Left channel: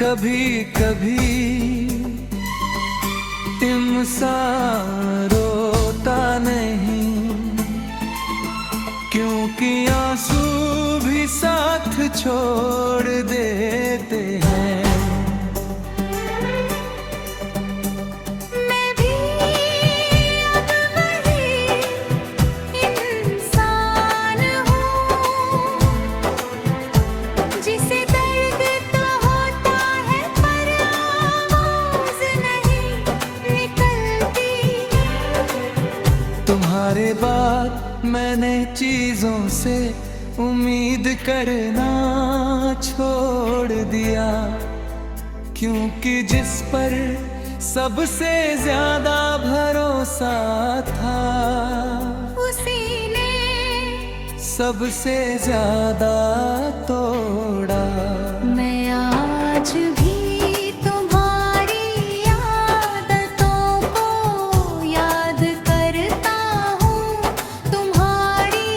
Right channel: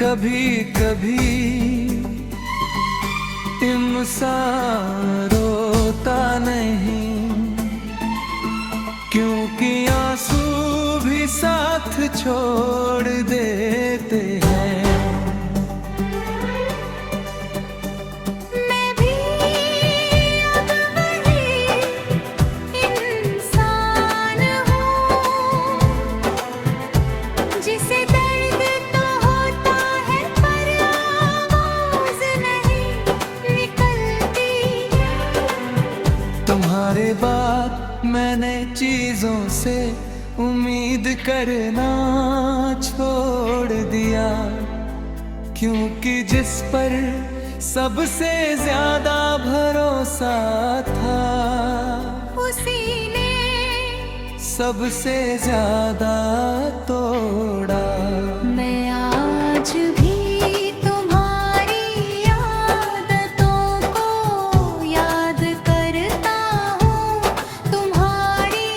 कभी कभी इंसान रोता नहीं, क्योंकि आंसू भी साथ छोड़ देते हैं। मैं भी अब वही इंसान हूँ, जिसे दर्द तो होता है पर आवाज नहीं निकलती। तुम्हारे बाद मैंने चीजों से उम्मीद करना छोड़ दिया, क्योंकि जिस पर सबसे ज्यादा भरोसा था, उसी ने सबसे ज्यादा तोड़ा। मैं आज भी तुम्हारी आदतों को याद करता हूँ, तुम्हारी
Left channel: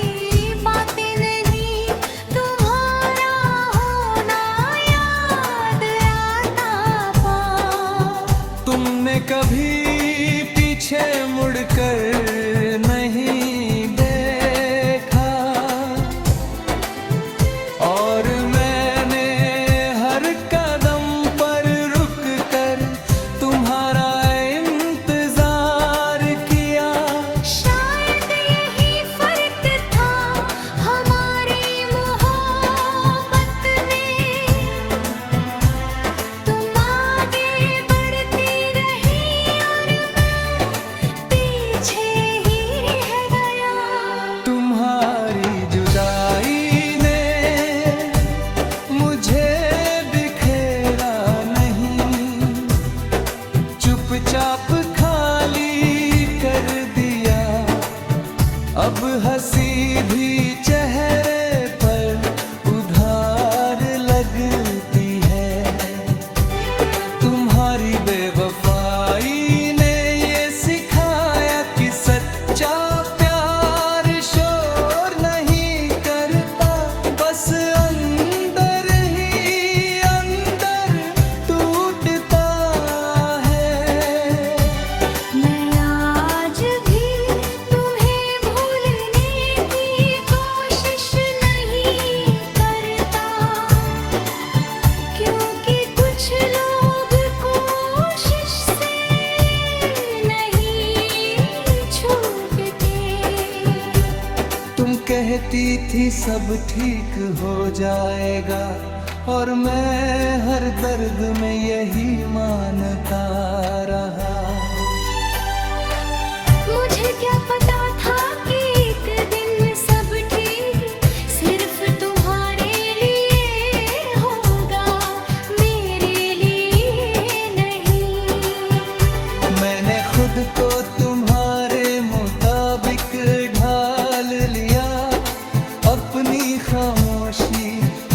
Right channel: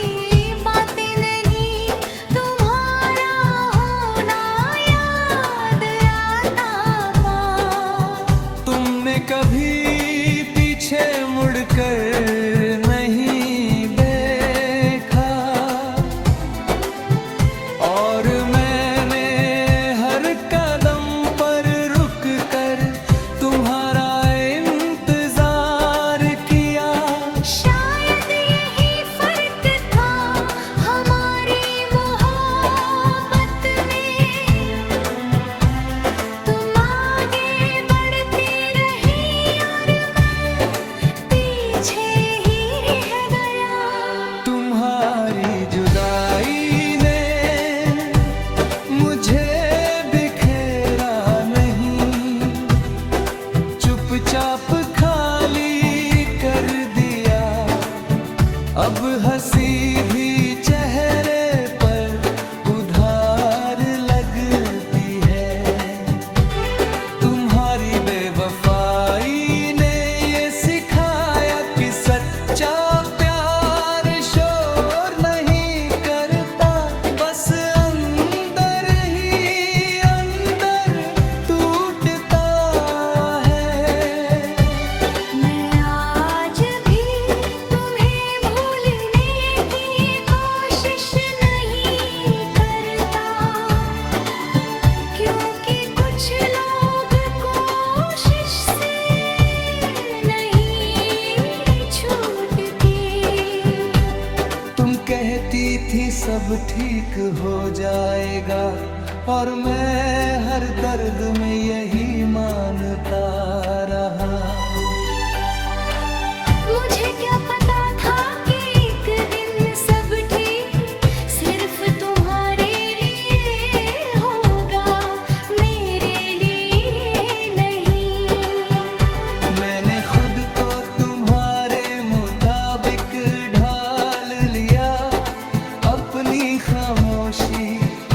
बातें नहीं, तुम्हारा होना याद आता पाऊं। तुमने कभी पीछे मुड़कर नहीं देखा, और मैंने हर कदम पर रुक कर तुम्हारा इंतजार किया। शायद यही फर्क था हमारी मोहब्बत में, तुम आगे बढ़ती रही और मैं पीछे ही रह गया। तुम्हारी जुदाई ने मुझे बिखेरा नहीं, चुपचाप खाली कर दिया। अब हंसी भी चेहरे पर उधार लगती है। तुम्हारी बेवफाई ने ये सिखाया कि सच्चा प्यार शोर नहीं करता, बस अंदर ही अंदर टूटता है। मैं आज भी तुम्हें भूलने की कोशिश नहीं करता, क्योंकि कुछ लोग कोशिश से नहीं छूटते। तुम कहती थी सब ठीक हो जाएगा, और मैं हर दर्द में यही मानता रहा। मुझे क्या पता था कि एक दिन सब ठीक सिर्फ तुम्हारे लिए होगा, मेरे लिए नहीं। मैंने खुद को तुम्हारे मुताबिक ढाल लिया, अपनी खामोशी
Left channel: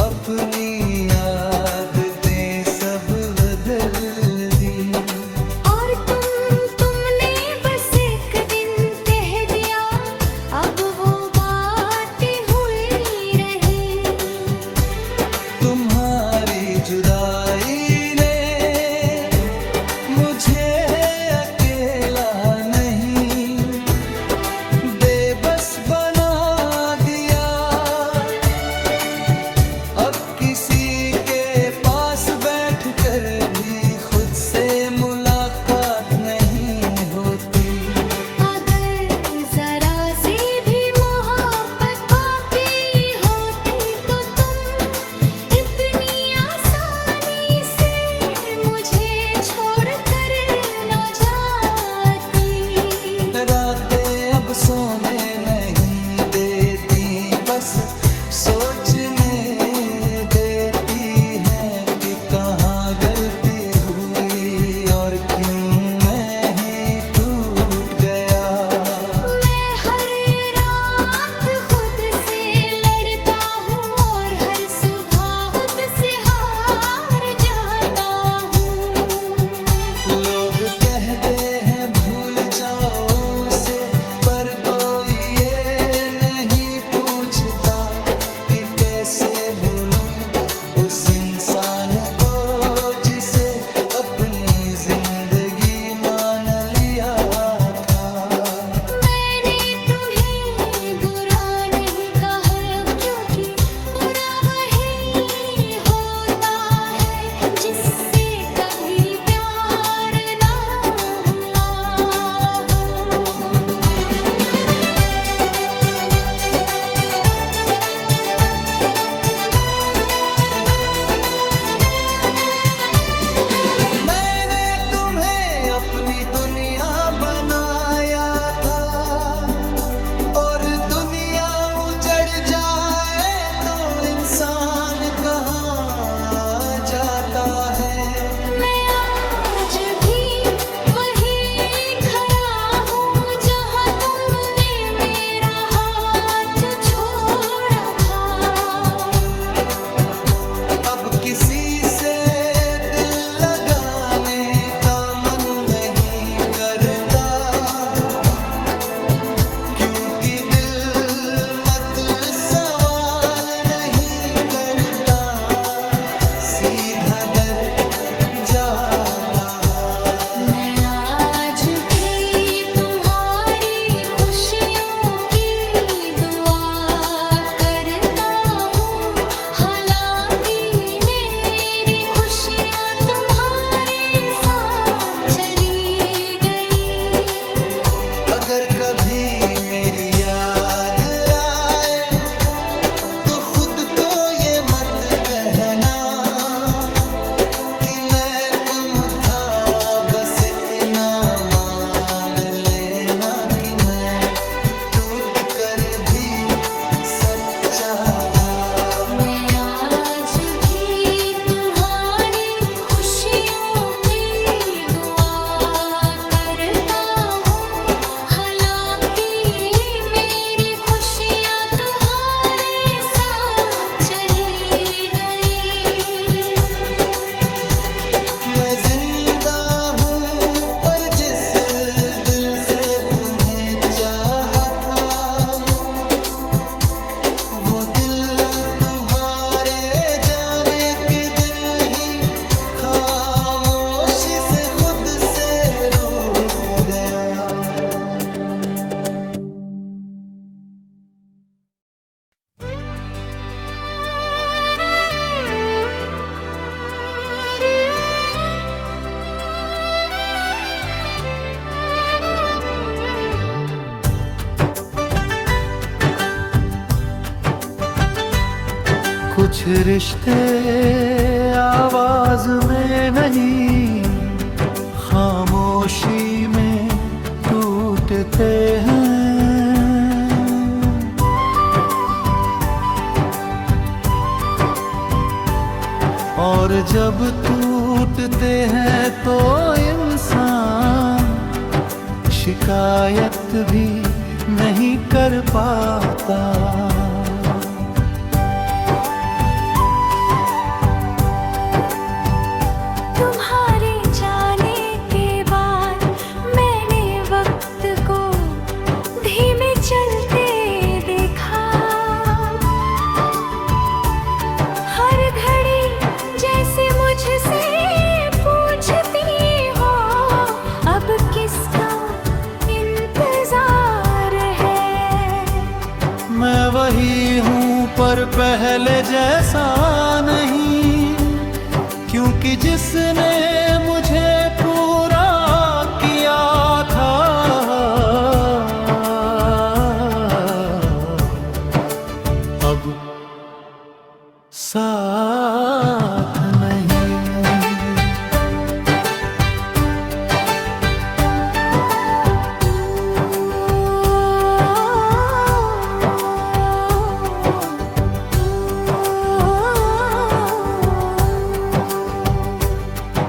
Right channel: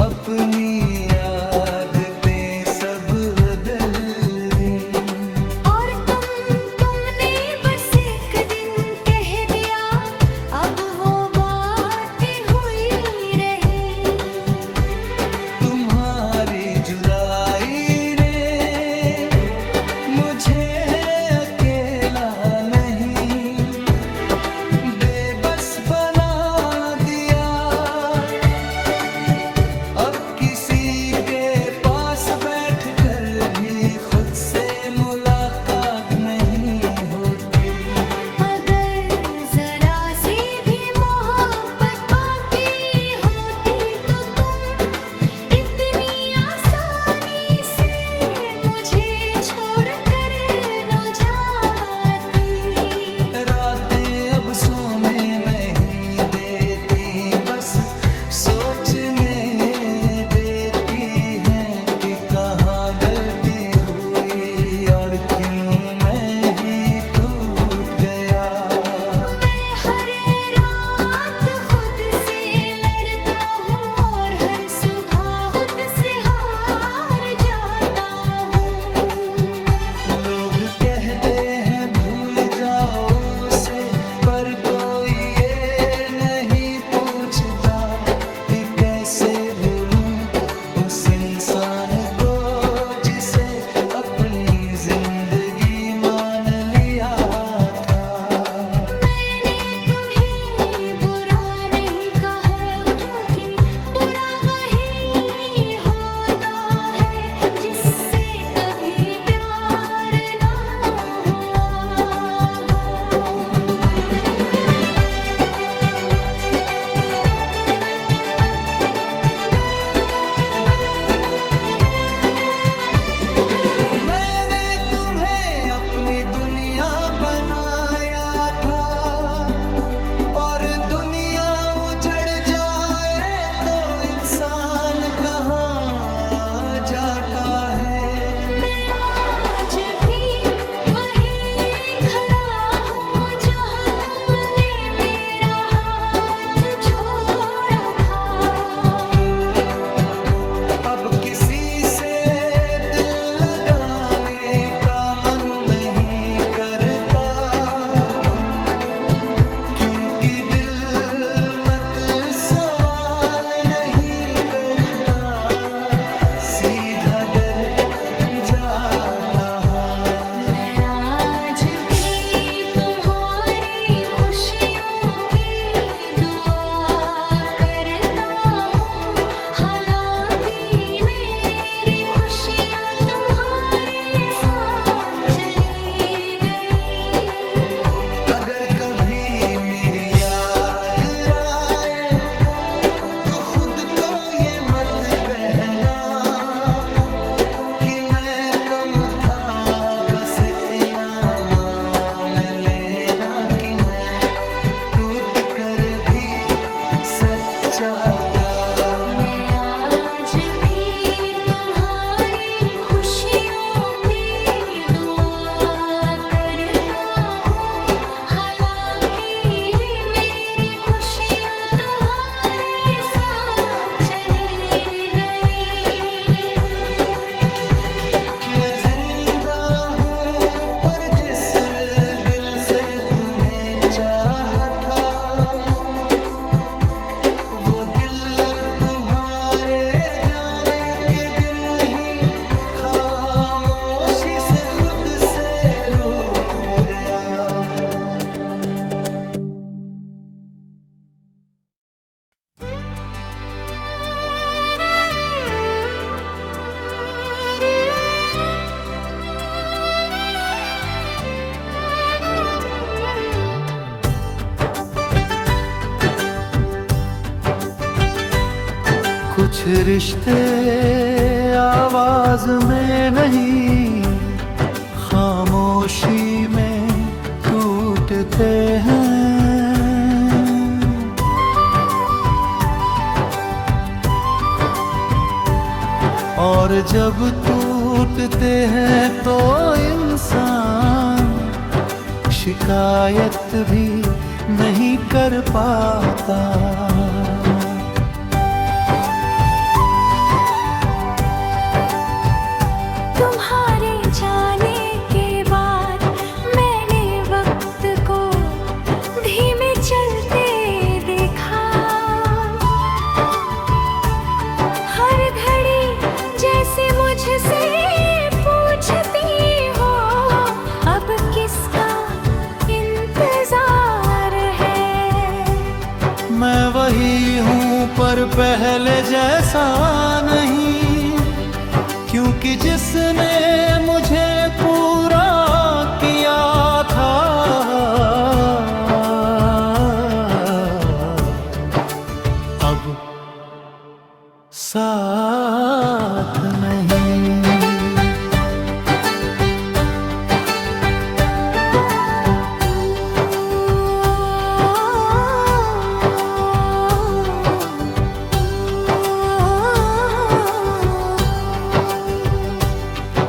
अपनी आदतें सब बदल दी। और तुमने बस एक दिन कह दिया, अब वो बातें हुई रही। तुम्हारी जुदाई ने मुझे अकेला नहीं, बेबस बना दिया। अब किसी के पास बैठकर भी खुद से मुलाकात नहीं होती। अगर जरा सी भी मोहब्बत बाकी होती तो तुम इतनी आसानी से मुझे छोड़कर न जाती। रातें अब सोने नहीं देती, बस सोचने देती हैं कि कहाँ गलती हुई और क्यों मैं ही टूट गया। मैं हर रात खुद से लड़ता हूँ और हर सुबह खुद से हार जाता हूँ। लोग कहते हैं भूल जाओ उसे, पर कोई ये नहीं पूछता कि कैसे भूलूं उस इंसान को इंसान कहाँ जाता है। मैं आज भी वहीं खड़ा हूँ जहाँ तुमने मेरा हाथ छोड़ा था। अब किसी से दिल लगाने का मन नहीं करता, क्योंकि दिल मत सवाल नहीं करता, सीधा डर जाता है। मैं आज भी तुम्हारी खुशियों की दुआ करता हूँ, हालांकि मेरी खुशियाँ तुम्हारे साथ चली गई। अगर कभी मेरी याद आए तो खुद को ये मत कहना कि मैं कम था, बस इतना मान लेना कि मैं टूट कर भी सच्चा था। मैं आज भी तुम्हारी खुशियों की दुआ करता हूँ, हालांकि मेरी खुशियाँ तुम्हारे साथ चली गई। मैं जिंदा हूँ पर जिस दिल से तुम्हें चाहा था, वो दिल तुम्हारे जाने के दिन ही खामोशी से खुद से रूठ गया। कुछ रिश्ते आवाज में नहीं, खामोशी में टूटते हैं। और जब टूटते हैं तो इंसान शिकायत भी नहीं कर पाता। तुम्हारे जाने के बाद मैंने वक्त को धीमे चलते देखा। हर घड़ी जैसे मुझसे पूछती हो, अब किसका इंतजार है। मैं वही हूँ पर पहले जैसा नहीं, क्योंकि जिसने मुझे पूरा किया था अब साथ नहीं।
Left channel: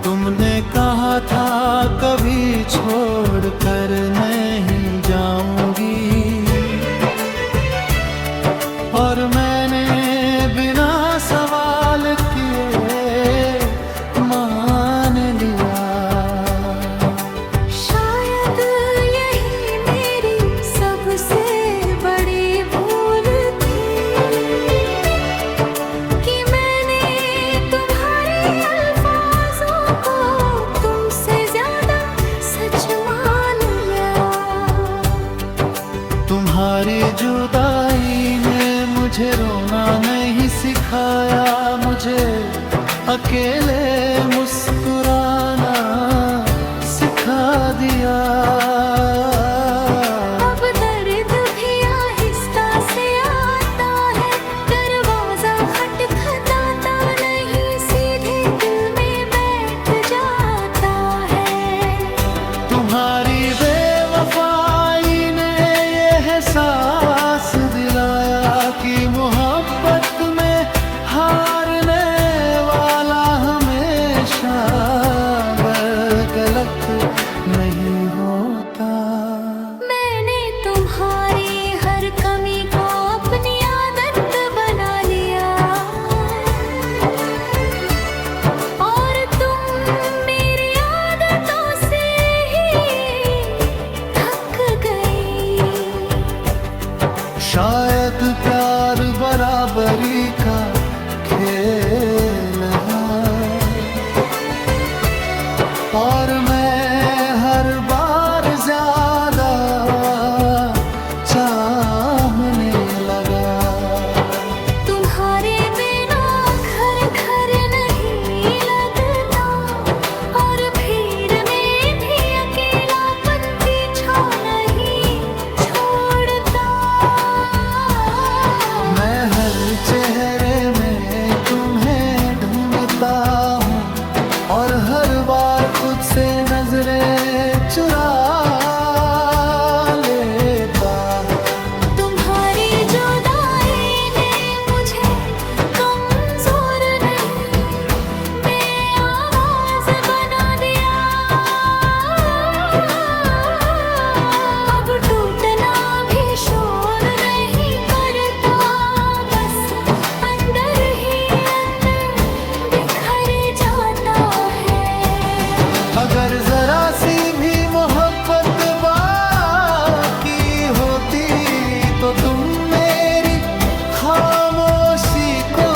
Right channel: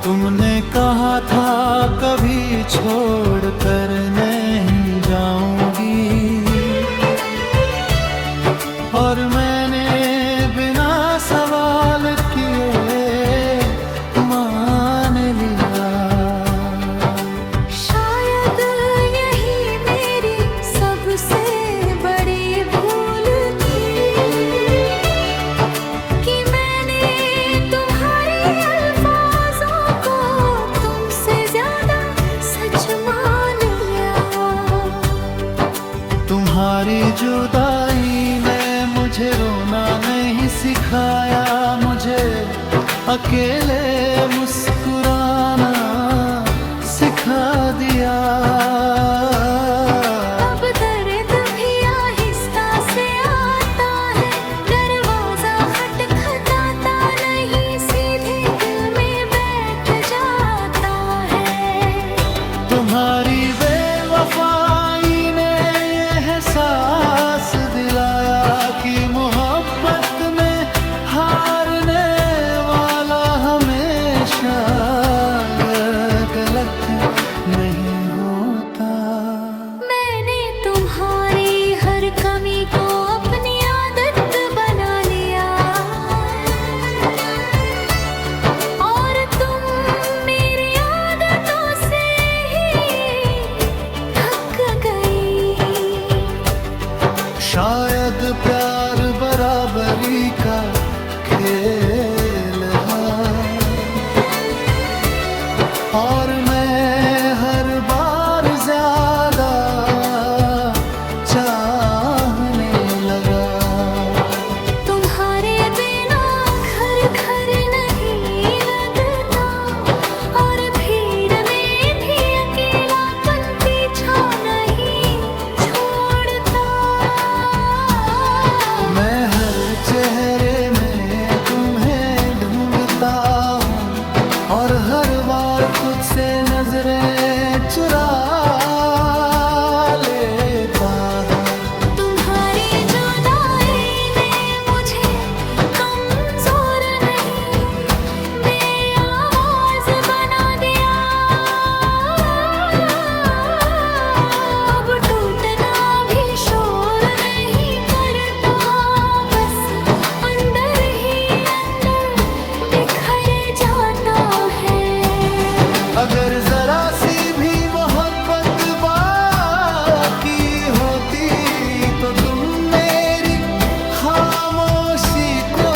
तुमने कहा था कभी छोड़ कर नहीं जाऊंगी, और मैंने बिना सवाल किए मान लिया। शायद यही मेरी सबसे बड़ी भूल थी कि मैंने तुम्हारे अल्फाजों को तुमसे ज्यादा सच मान लिया। तुम्हारी जुदाई ने मुझे रोना नहीं सिखाया, मुझे अकेले मुस्कुराना सिखा दिया। अब दर्द भी आहिस्ता से आता है, दरवाजा खटखटाता नहीं, सीधे दिल में बैठ जाता है। तुम्हारी बेवफाई ने ये एहसास दिलाया कि मोहब्बत में हार गलत नहीं होता। मैंने तुम्हारी हर कमी को अपनी आदत बना लिया और तुम मेरी आदतों से ही थक गई। शायद प्यार बराबरी का खेल है और मैं हर बार ज्यादा चाहने लगा। तुम्हारे बिना घर घर नहीं लगता और भीड़ में भी अकेलापन पीछा नहीं छोड़ता। मैं हर चेहरे में तुम्हें ढूंढता हूँ और हर बार खुद से नजरें चुरा लेता हूँ। तुम्हारी जुदाई ने मुझे कमजोर नहीं बेआवाज बना दिया। अब टूटना भी शोर नहीं करता, बस अंदर ही अंदर बिखर जाता है। अगर जरा सी भी मोहब्बत बाकी होती तो तुम मेरी खामोशी को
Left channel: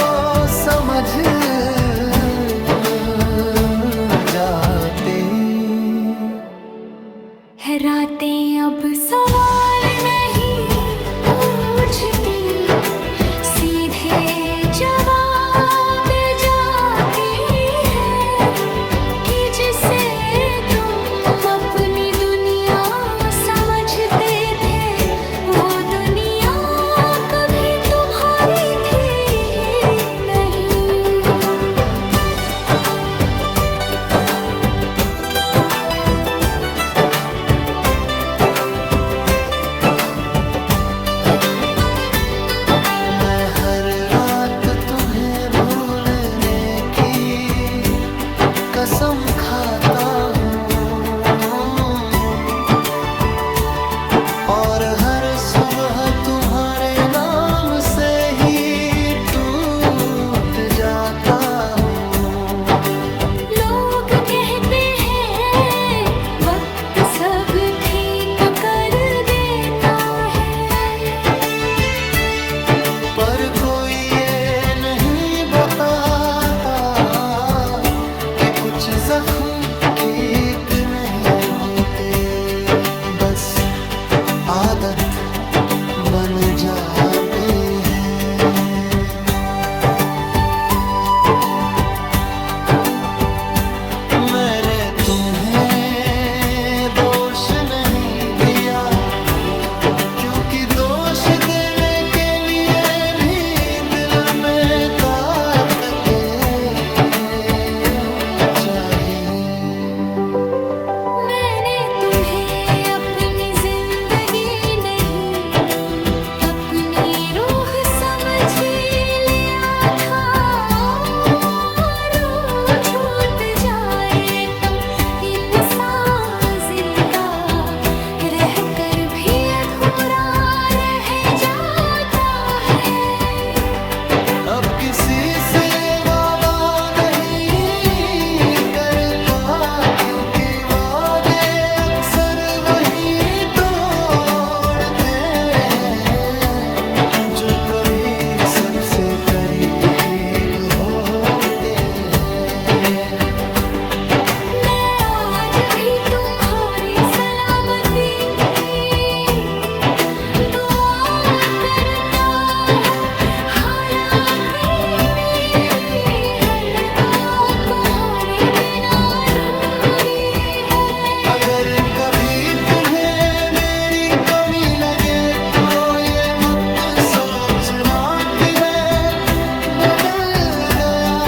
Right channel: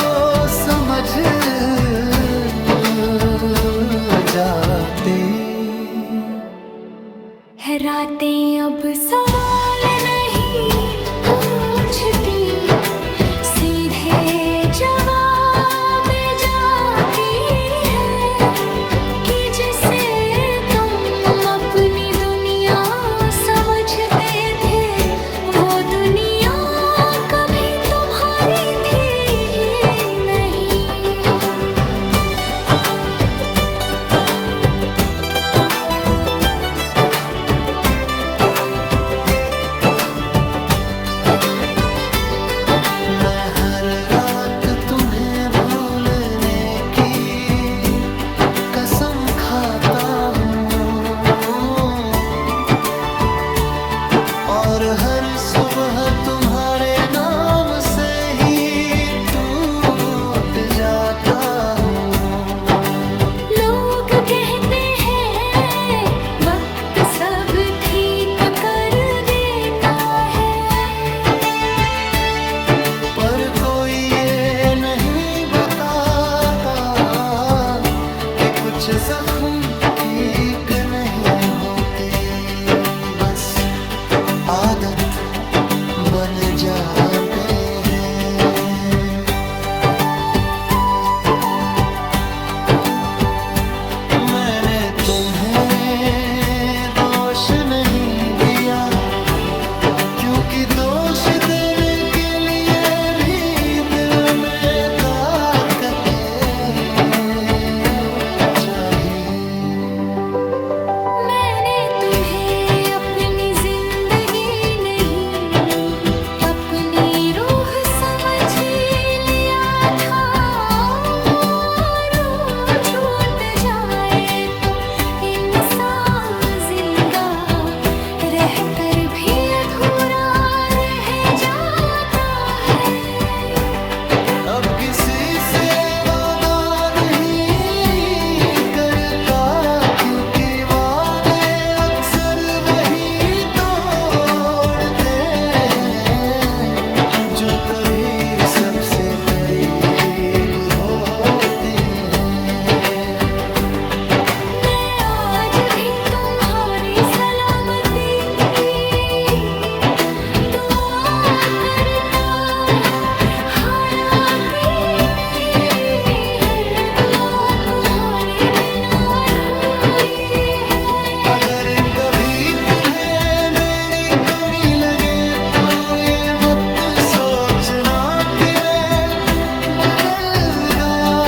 समझ जाते। है रातें अब सवाल नहीं पूछती, सीधे जवाब जाती है कि जिसे तुम अपनी दुनिया समझते थे वो दुनिया कभी तुम्हारी थी ही नहीं। मैं हर रात तुम्हें भूलने की कसम खाता हूँ और हर सुबह तुम्हारे नाम से ही टूट जाता हूँ। लोग कहते हैं वक्त सब ठीक कर देता है, पर कोई ये नहीं बताता कि कुछ जख्म ठीक नहीं होते, बस आदत बन जाते हैं। मैंने तुम्हें दोष नहीं दिया क्योंकि दोष देने के लिए भी दिल में ताकतें चाहिए। मैंने तुम्हें अपनी जिंदगी नहीं अपनी रूह समझ लिया था। रूह छूट जाए तो इंसान जिंदा रहकर भी अधूरा रह जाता है। अब किसी से वादा नहीं करता क्योंकि वादे अक्सर वही तोड़ते हैं जो कभी सबसे करीब होते हैं। मैं आज भी तुम्हारी सलामती दुआ करता हूँ, हालांकि मेरी हर दुआ तुम्हारे बिना अधूरी है। अगर कभी तुम्हें मेरी कमी लगे तो ये मत सोचना कि मैं बदल गया,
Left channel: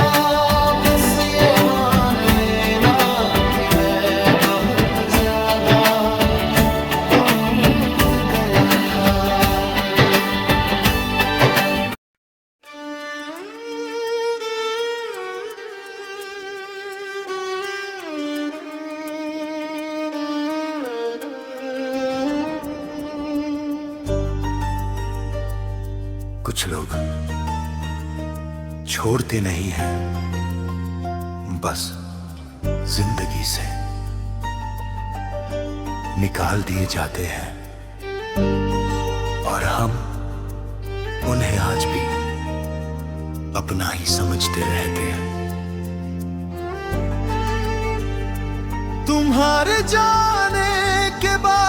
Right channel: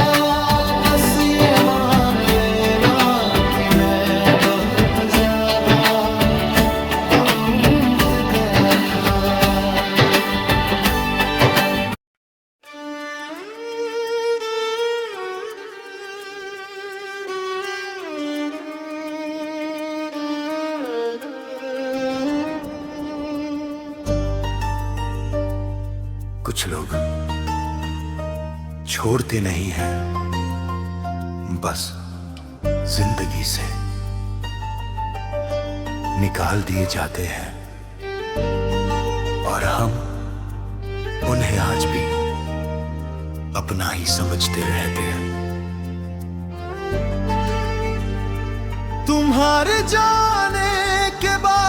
बस ये मान लेना कि मैं बहुत ज्यादा टूट गया था। कुछ लोग छोड़ते नहीं हैं, बस जिंदगी से निकाल दिए जाते हैं। और हम उन्हें आज भी अपना ही समझते रहते हैं। तुम्हारे जाने के बाद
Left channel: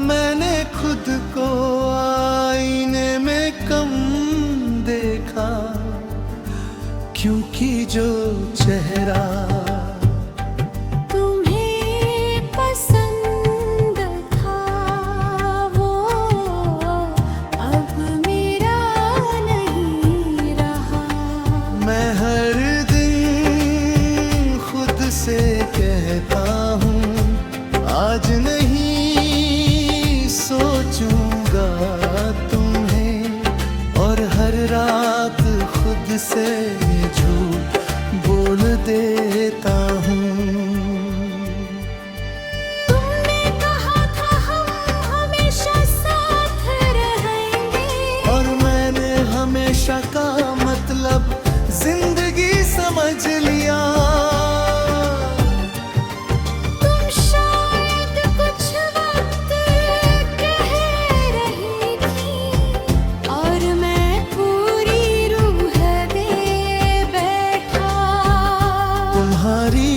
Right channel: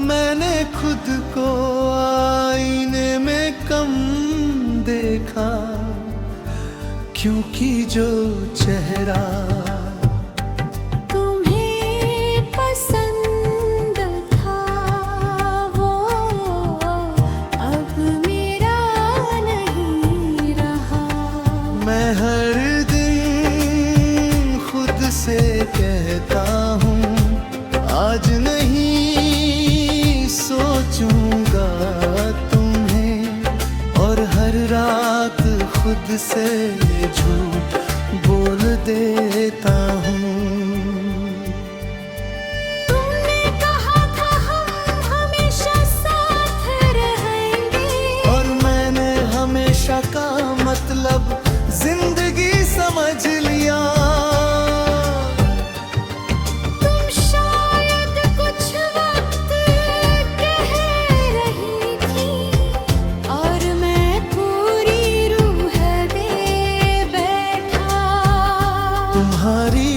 मैंने खुद को आईने में कम देखा, क्योंकि जो चेहरा तुम्हें पसंद था वो अब मेरा नहीं रहा। मैं हर दिन खुद से कहता हूँ आज नहीं सोचूंगा तुम्हें, और हर रात खुद से झूठ बोल देता हूँ। तुमने कहा था हम हमेशा साथ रहेंगे, और मैंने हमेशा का मतलब जिंदगी समझ लिया। तुम शायद कुछ वक्त कह रही थी, और मैं पूरी रूह दे बैठा। तुम्हारी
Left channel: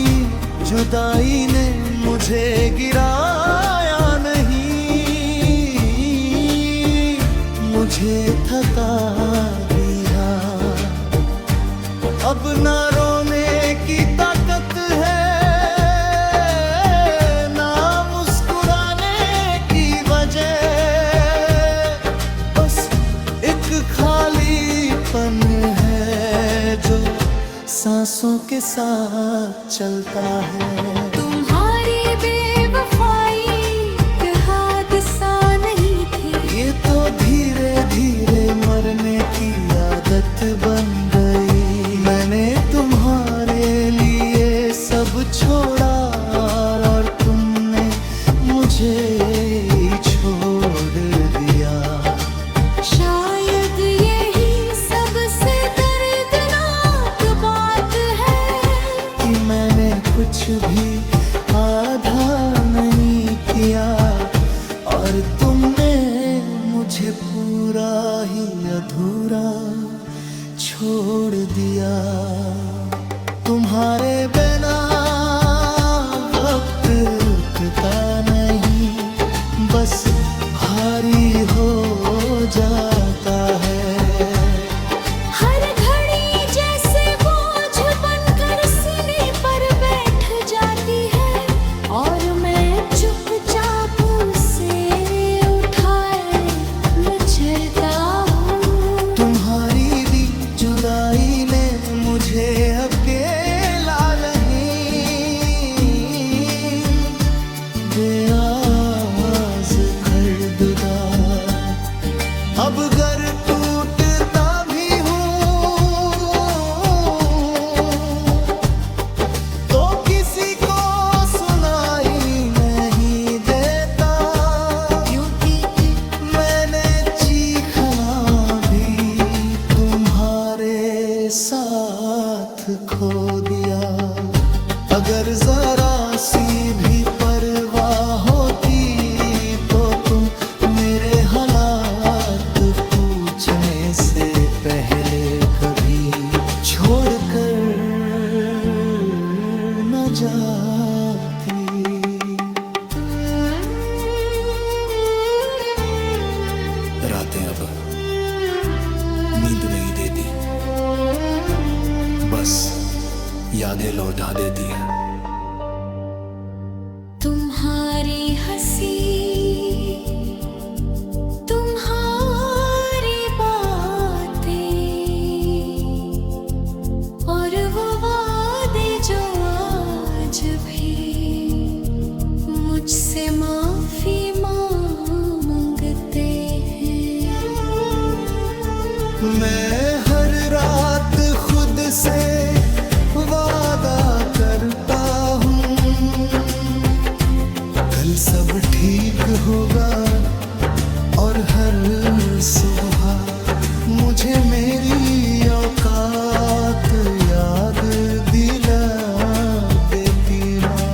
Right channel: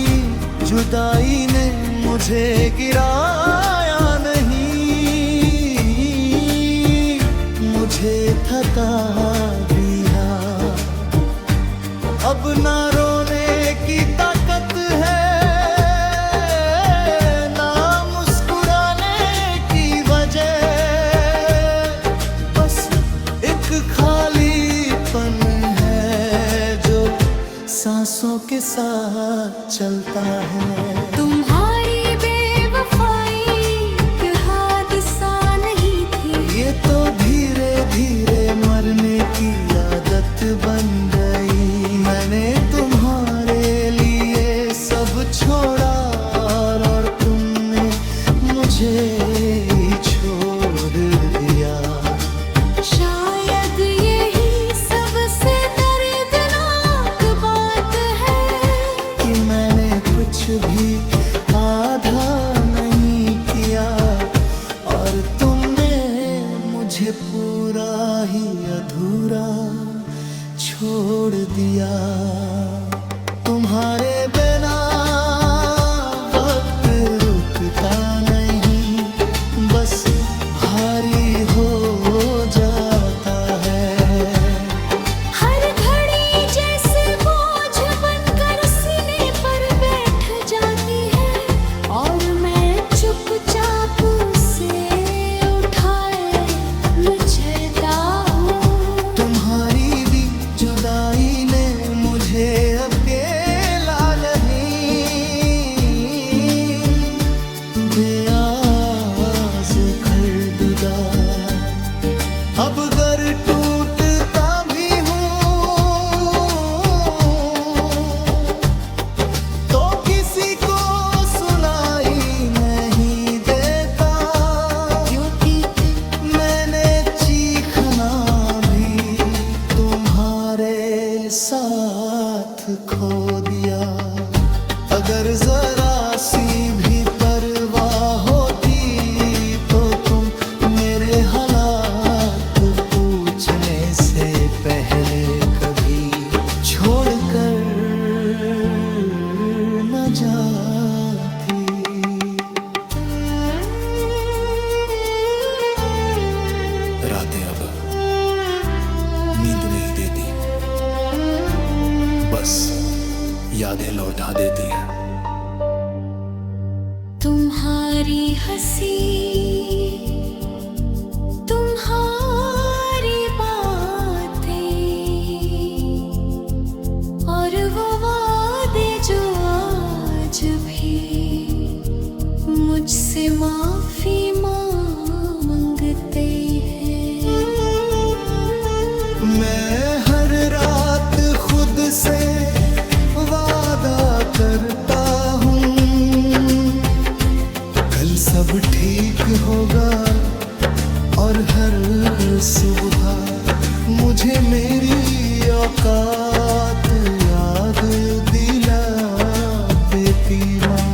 जुदाई ने मुझे गिराया नहीं, मुझे थका दिया। अब ना रोने की ताकत है, ना मुस्कुराने की वजह, बस एक खालीपन है जो सांसों के साथ चलता है। तुम्हारी बेवफाई एक हादसा नहीं थी, ये तो धीरे धीरे मरने की आदत बन गई। मैंने तुम्हारे लिए सब छोड़ा, और तुमने मुझे ही छोड़ दिया। शायद यही सबसे दर्दनाक बात है कि मैंने कुछ भी आधा नहीं किया, और तुमने मुझे पूरा ही अधूरा छोड़ दिया। तुम्हारे बिना वक्त रुकता नहीं, बस भारी हो जाता है। हर घड़ी जैसे बोझ बनकर सीने पर बैठ जाती है, और मैं चुपचाप से उठाए मचलता हूँ। तुम्हारी दी जुदाई ने मुझे अकेला नहीं, बेआस खरबदा अब घर टूटता भी हूँ तो किसी को सुनाई नहीं देता, क्योंकि मैंने चीखना भी तुम्हारे साथ खो दिया। अगर जरा सी भी परवाह होती तो तुम मेरे हालात पूछने से पहले कभी छोड़कर न जाती। रातें अब नींद नहीं देती, बस यादें लौटा देती है। तुम्हारी हंसी, तुम्हारी बातें, और वो वादे जो आज भी मुझसे माफी मांगते हैं। मैं हर रात खुद से वादा करता हूँ कल सब ठीक होगा, और हर सुबह मुझे मेरी औकात याद दिला देती माँ।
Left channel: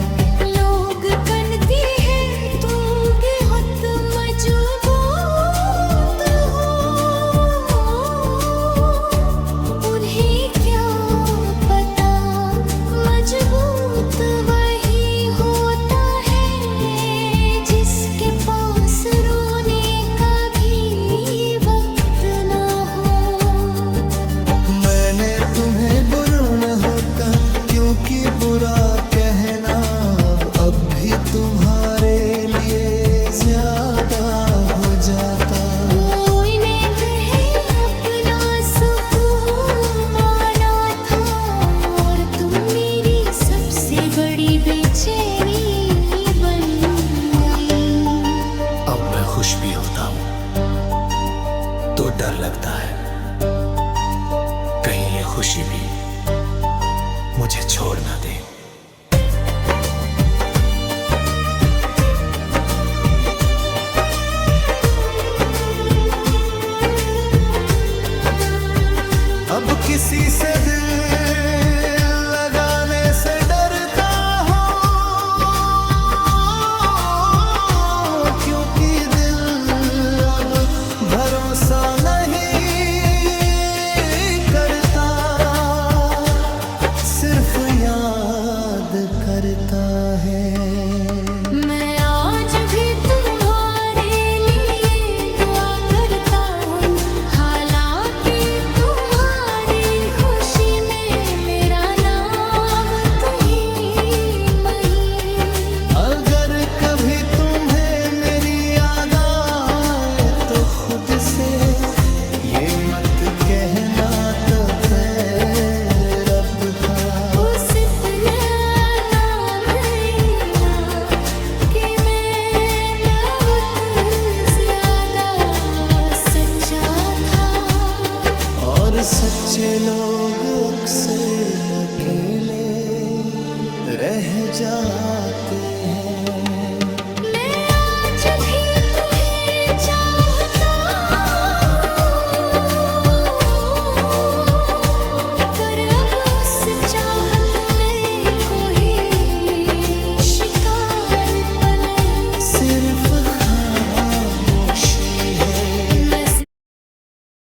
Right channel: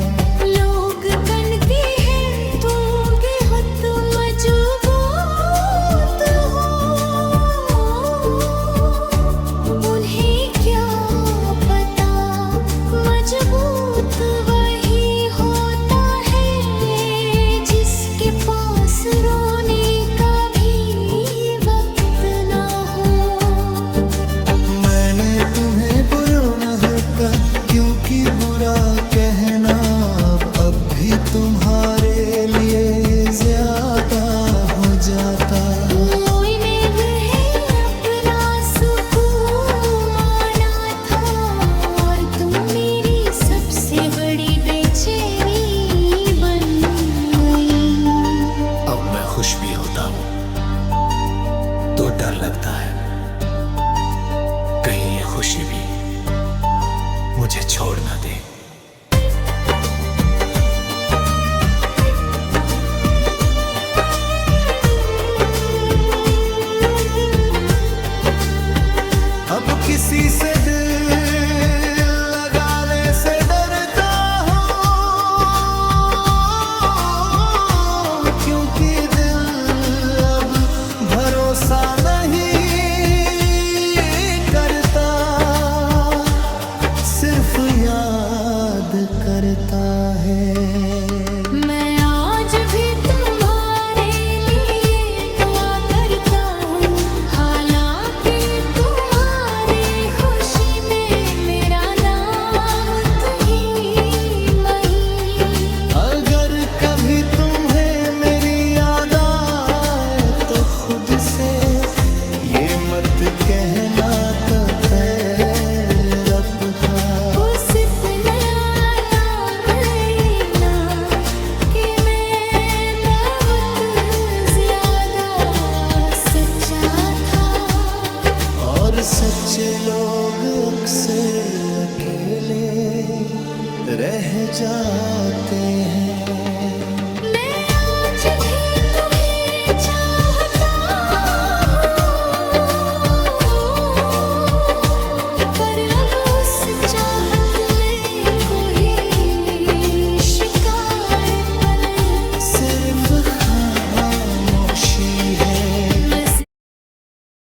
लोग कनती है तू बहुत मजबूत हो, उन्हें क्या पता मजबूत वही होता है जिसके पास रोने का भी वक्त ना हो। मैंने तुम्हें बुरा न कहा क्योंकि बुरा कहना अब भी तुम्हारे लिए ज्यादा हो जाता। उन्हें भी अपना सुकून माना था और तुम मेरी सबसे बड़ी बेचैनी बन गई। अब मैं खुश भी होता हूं तो डर लगता है कहीं ये खुशी भी मुझे छोड़ ना दे। अब किसी से दिल लगाने से डरता हूँ क्योंकि दिल अब भरोसा नहीं करता, सिर्फ याद करता है। मैं आज भी तुम्हारे लिए दुआ करता हूँ, हालांकि तुम्हारी खुशी में मेरा नाम तो ही नहीं। अगर कभी तुम्हें मेरी याद आए तो खुद से ये मत कहना तो पैर रब का। उस अपना नाम लेना कि मैं बहुत ज्यादा सच्चा था। और सच्चे लोग अक्सर अकेले रह जाते हैं।